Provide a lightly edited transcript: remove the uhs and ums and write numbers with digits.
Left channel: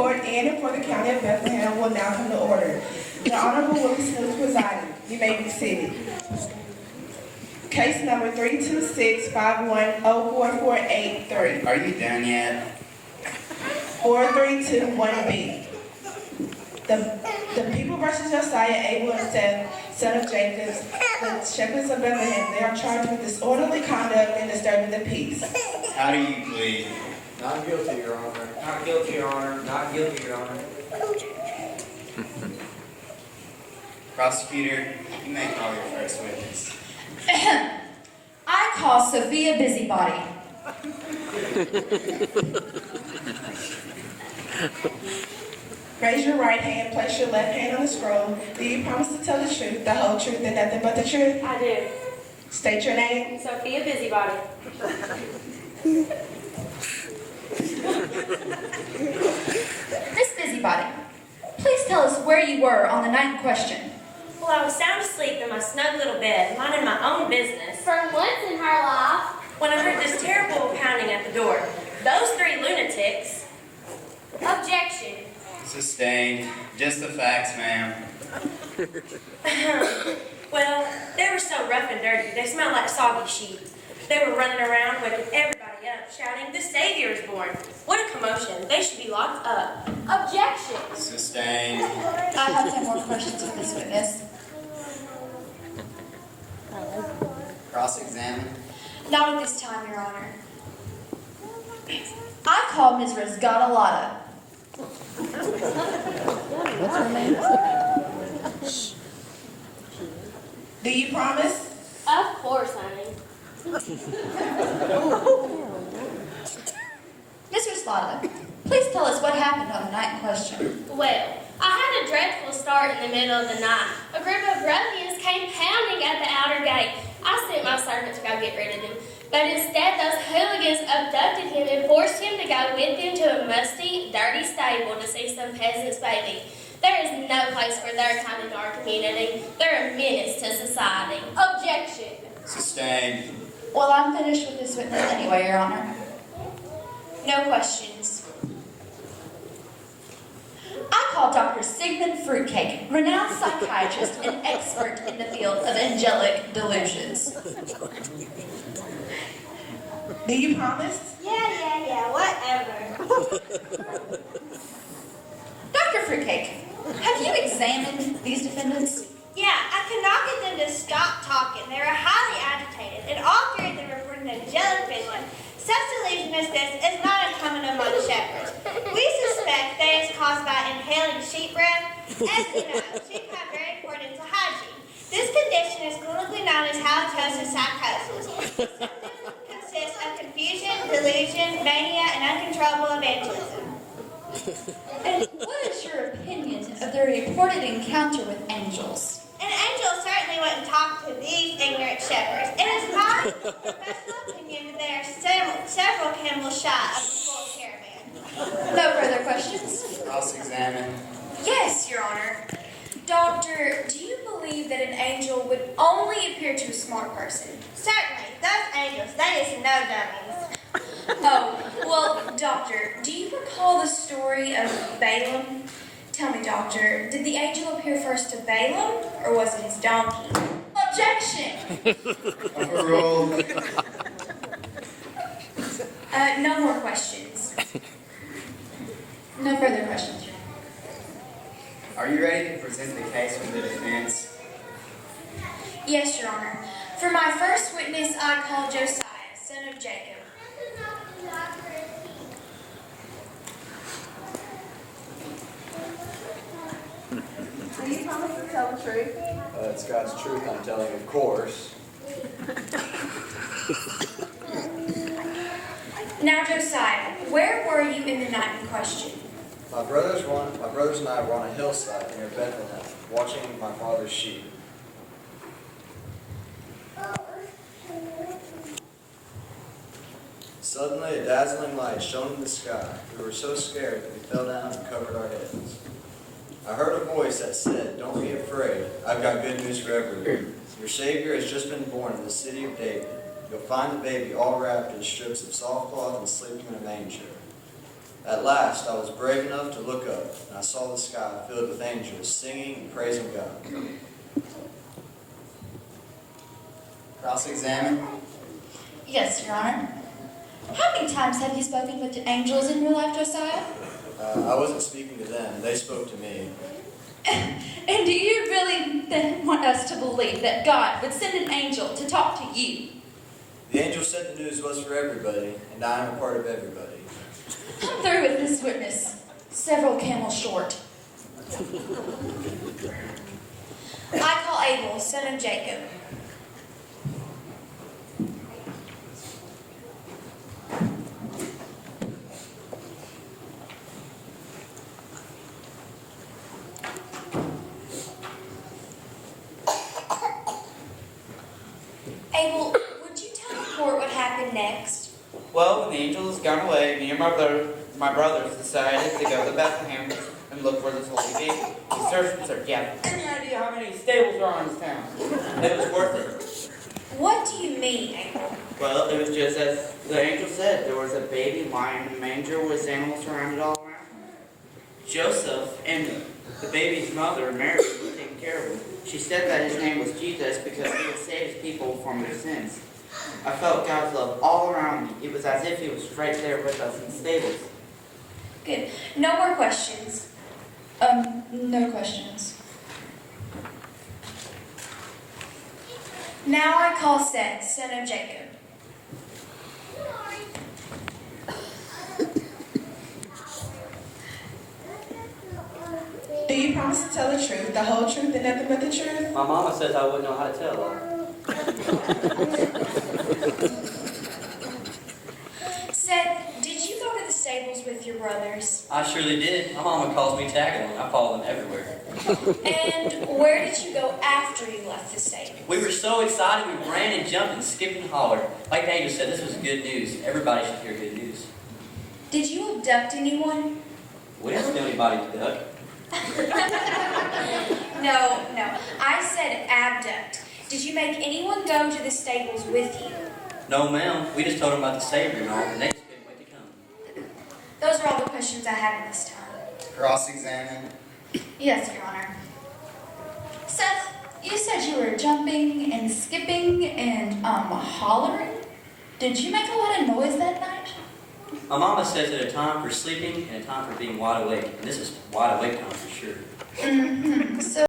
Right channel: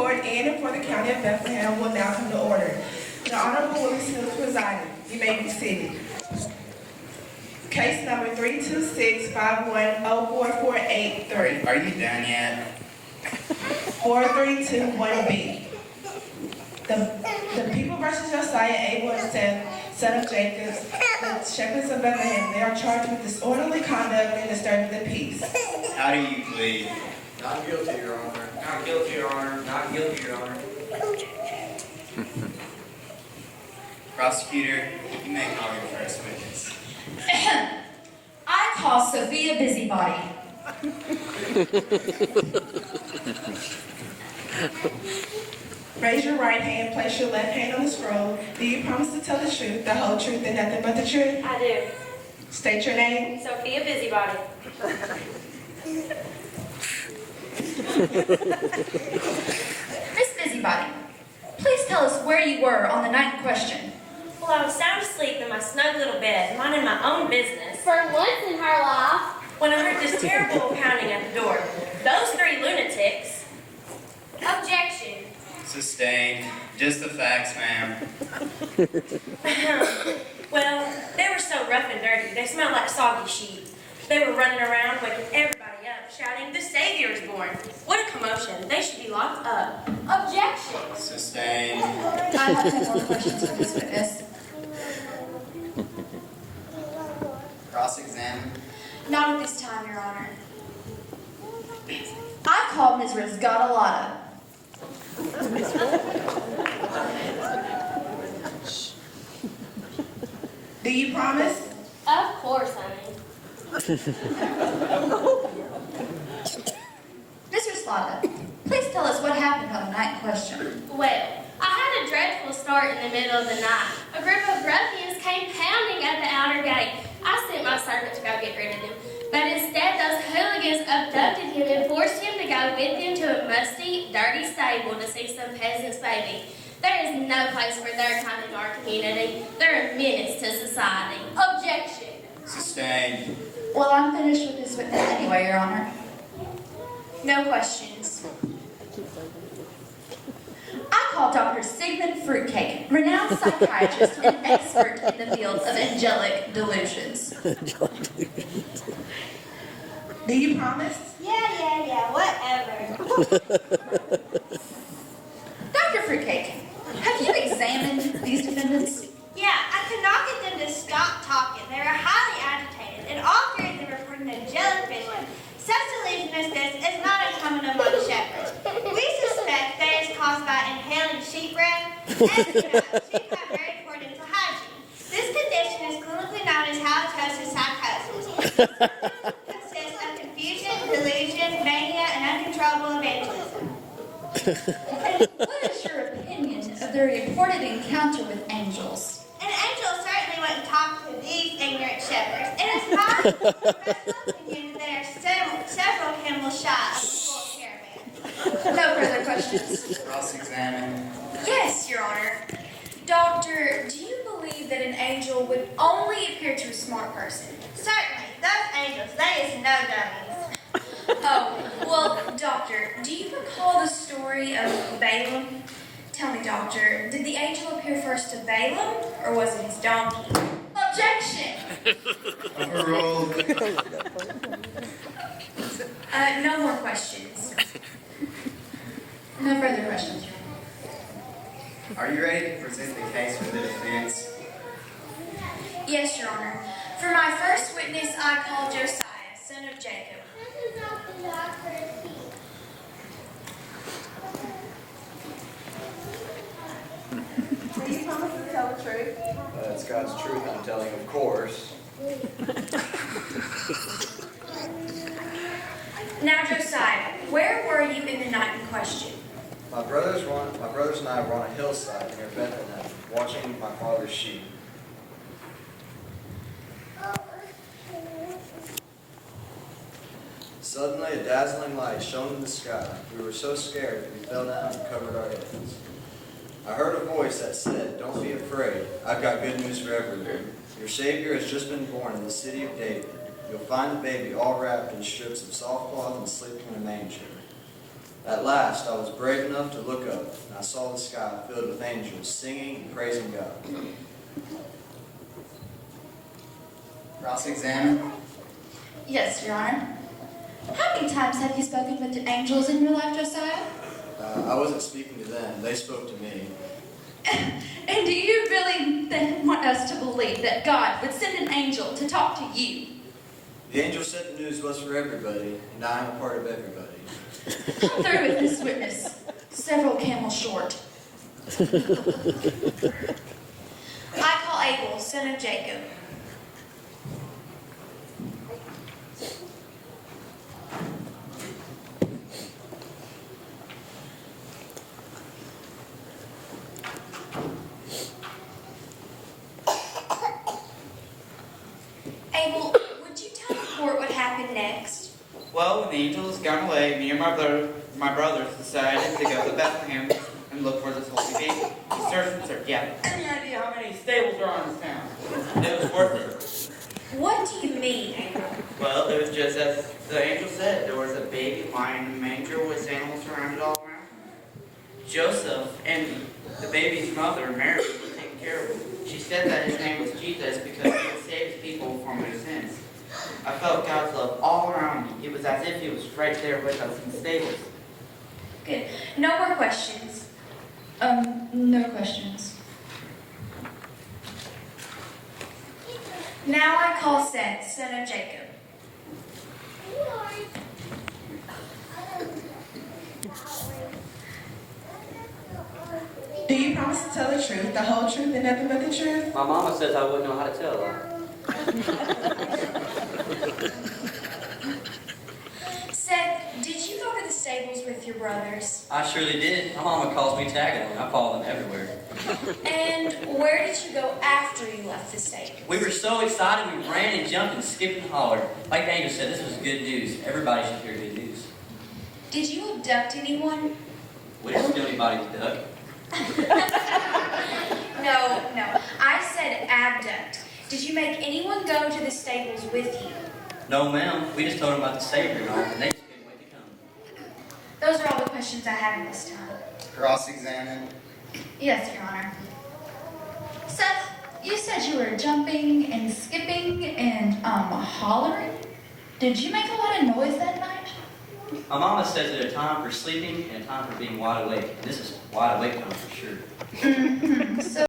Court in and for the County of Bethlehem will now come to order. The Honorable Willie Smith presiding. You may be seated. Case number 326-5104483. Are you done yet? 4321B. The people versus Josiah Abel and son of Jacob, the shepherds of Bethlehem, they are charged with disorderly conduct and disturbing the peace. How do you plead? Not guilty, Your Honor. Not guilty, Your Honor. Not guilty, Your Honor. Prosecutor, you may call your first witness. I call Sophia Busybody. Raise your right hand, place your left hand on the scroll. Do you promise to tell the truth, the whole truth, and nothing but the truth? I do. State your name. Sophia Busybody. Miss Busybody, please tell us where you were on the night in question. Well, I was sound asleep in my snug little bed, minding my own business, For once in her life. when I heard this terrible pounding at the door. Those three lunatics. Objection. Sustained. Just the facts, ma'am. Well, they were so rough and dirty. They smelled like soggy sheep. They were running around waking everybody up, shouting, "The Savior is born." What a commotion. They should be locked up. Objection. Sustained. I have no more questions of this witness. Cross-examine. Not at this time, Your Honor. I call Ms. Risgatolata. Do you promise? Of course, honey. Ms. Risgatolata, please tell us what happened on the night in question. Well, I had a dreadful start in the middle of the night. A group of ruffians came pounding at the outer gate. I sent my servant to go get rid of them. But instead, those hooligans abducted him and forced him to go with them to a musty, dirty stable to see some peasant's baby. There is no place for their kind in our community. They're a menace to society. Objection. Sustained. Well, I'm finished with this witness anyway, Your Honor. No questions. I call Dr. Sigmund Fruitcake, renowned psychiatrist and expert in the field of angelic delusions. Do you promise? Yeah, whatever. Dr. Fruitcake, have you examined these defendants? Yeah, I could not get them to stop talking. They were highly agitated, and all three of them reported an angelic vision. Such delusion as this is not uncommon among shepherds. We suspect that it's caused by inhaling sheep breath. As you know, sheep have very poor dental hygiene. This condition is clinically known as halitosis psychosis. Consists of confusion, delusion, mania, and uncontrollable evangelism. And what is your opinion of their reported encounter with angels? An angel certainly wouldn't talk to these ignorant shepherds. It is my personal opinion that they are several camels shy of the full caravan. No further questions. Cross-examine. Yes, Your Honor. Doctor, do you believe that an angel would only appear to a smart person? Certainly, those angels, they is no dummies. Oh, well, Doctor, do you recall the story of Balaam? Tell me, Doctor, did the angel appear first to Balaam, or was it his donkey? Objection! Overruled. No more questions. No further questions. Are you ready to present the case for the defense? Yes, Your Honor. For my first witness, I call Josiah, son of Jacob. Do you promise to tell the truth? That's God's truth I'm telling, of course. Now, Josiah, where were you in the night in question? My brothers and I were on a hillside near Bethlehem, watching my father's sheep. Suddenly, a dazzling light shone in the sky. We were so scared that we fell down and covered our heads. I heard a voice that said, "Don't be afraid. I've got good news for everyone. Your Savior has just been born in the city of David. You'll find the baby all wrapped in strips of soft cloth and sleeping in a manger." At last, I was brave enough to look up, and I saw the sky filled with angels singing and praising God. Cross-examine. Yes, Your Honor. How many times have you spoken with the angels in your life, Josiah? I wasn't speaking to them, they spoke to me. And do you really then want us to believe that God would send an angel to talk to you? The angel said the news was for everybody, and I am a part of everybody. I'm through with this witness. Several camels short. I call Abel, son of Jacob. Abel, would you tell the court what happened next? Well, when the angels had gone away, me and my brothers decided to go to Bethlehem and look for this holy baby. The search and search. Yeah. Any idea how many stables are in this town? It was worth it. What do you mean, Abel? Well, it was just as the angel said. There was a baby lying in a manger with animals surrounded all around him. Joseph and the baby's mother, Mary, were taking care of him. She said that his name was Jesus because he would save his people from their sins. I felt God's love all around me. It was as if he was right there with us in the stables. Good. No more questions. No questions. Now I call Seth, son of Jacob. Do you promise to tell the truth, the whole truth, and nothing but the truth? My mama says I wouldn't know how to tell her. Seth, did you go to the stables with your brothers? I surely did. My mama calls me Tagging. I follow them everywhere. And where did you go after you left the stables? We were so excited, we ran and jumped and skipped and hollered. Like the angel said, this was good news. Everybody should hear good news. Did you abduct anyone? We didn't steal anybody's duck. No. I said abduct. Did you make anyone go to the stables with you? No, ma'am. We just told them about the Savior and all, and they just couldn't wait to come. Those are all the questions I have at this time. Cross-examine. Yes, Your Honor. Seth, you said you were jumping and skipping and hollering. Did you make a lot of noise that night? My mama says there's a time for sleeping and a time for being wide awake. And this is wide awake time for sure. So